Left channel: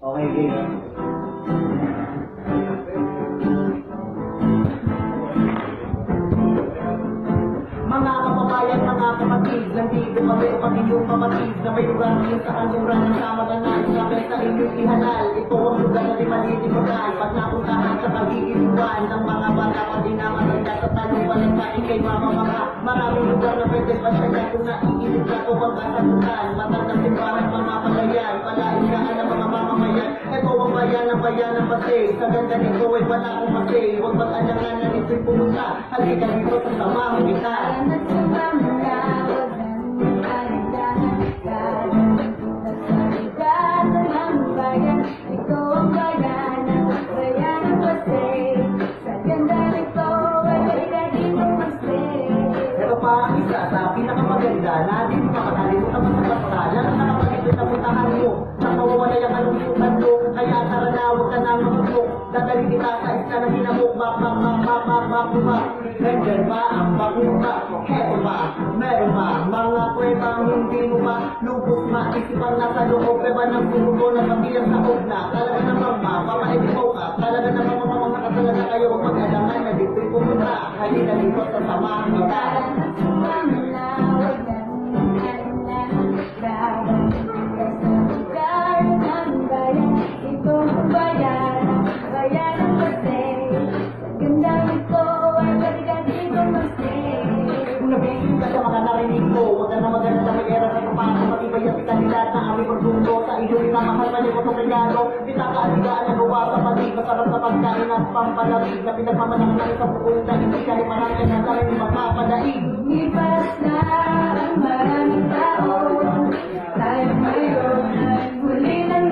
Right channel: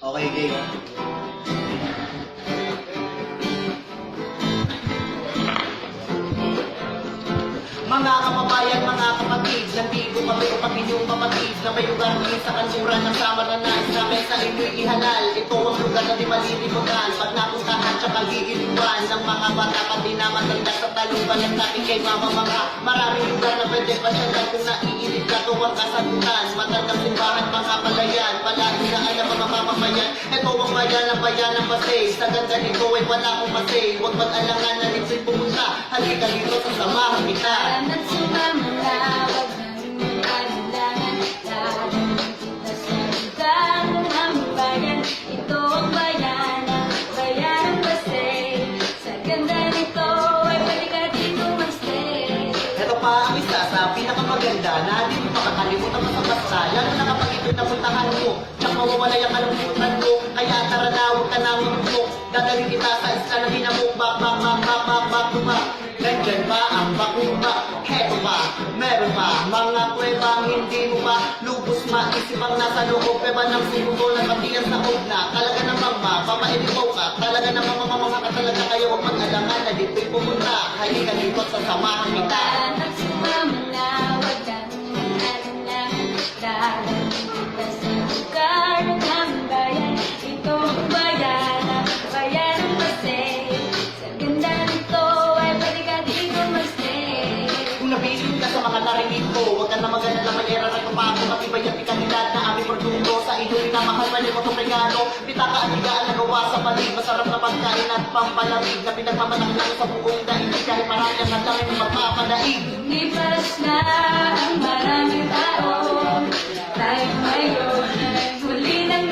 Okay, game. Mga kababayan, mga kapatid, nandito kami upang inyong kapatid na may lugar sa kansuran ng Samaranan. Namin sa inyo'y ihalal. Ito ang lugar na di malilimutan. Pag napuntahan siya kagiinuan ng mga bata, pati na matanda sa taluban ng natin kay mama mga. Maraming lugar na pwede pasyalan kung naiinit na ito ang kasagutan. Matandang simbahan, mga palayan, palaisaan ng mga mamamayan. Ito ang bayan ng Pasay. Sa ganda nito ay wala akong masay. Huwag mag-alangan na dito'y pumunta. Halika dito sa samahan kita. At sumama na, huwag nang alinlangan. Dadating kita sa lugar ng aming bayan. Ito ang bayan ng Pasay. Sa ganda nito ay pwede ka dito mag-stay. Ito pa ang isa sa pinakamaganda na di mo makakalimutan sa basta. Lalo na kapag ito'y napuntahan mo, nang mawawalay ang kalungkutan mo. Kaya tara na, huwag ka na mamukmuk. Dadali kita sa isla na hinamuk. Bak. Nandyan ba ang bakuma? Heto ba? Meron ba? Mga pwebang hindi mo ba lubos maisip ang nasa loob? Pweba ng sumuko na patiyas na na. Talaga namang mapapainipaw ka. Talaga namang mamamanga ka talaga kayo. Huwag mag-alangan na dito'y pumunta. Halika dito sa samahan kita. At sumama na, huwag nang alinlangan. Dadating kita sa lugar ng aming bayan. Ito ang bayan ng Pasay. Sa ganda nito ay pwede ka dito mag-stay. Kung nabilin ka sa mga narinig ko, huwag ka na maganda na mayera na kapako. Matibay ang ikalidad na aming produkto. Sa inyong minamahal, mali ko itong regalo. Pitaka-aligaan na gawa sa palig. Masarap na pagkain at pampalamig na pinagmamalaki lang sa buong daig. Kahit marami ang daming magpapadaig. Lumipas na ang maraming tao. Tayo ngayon ay huli ng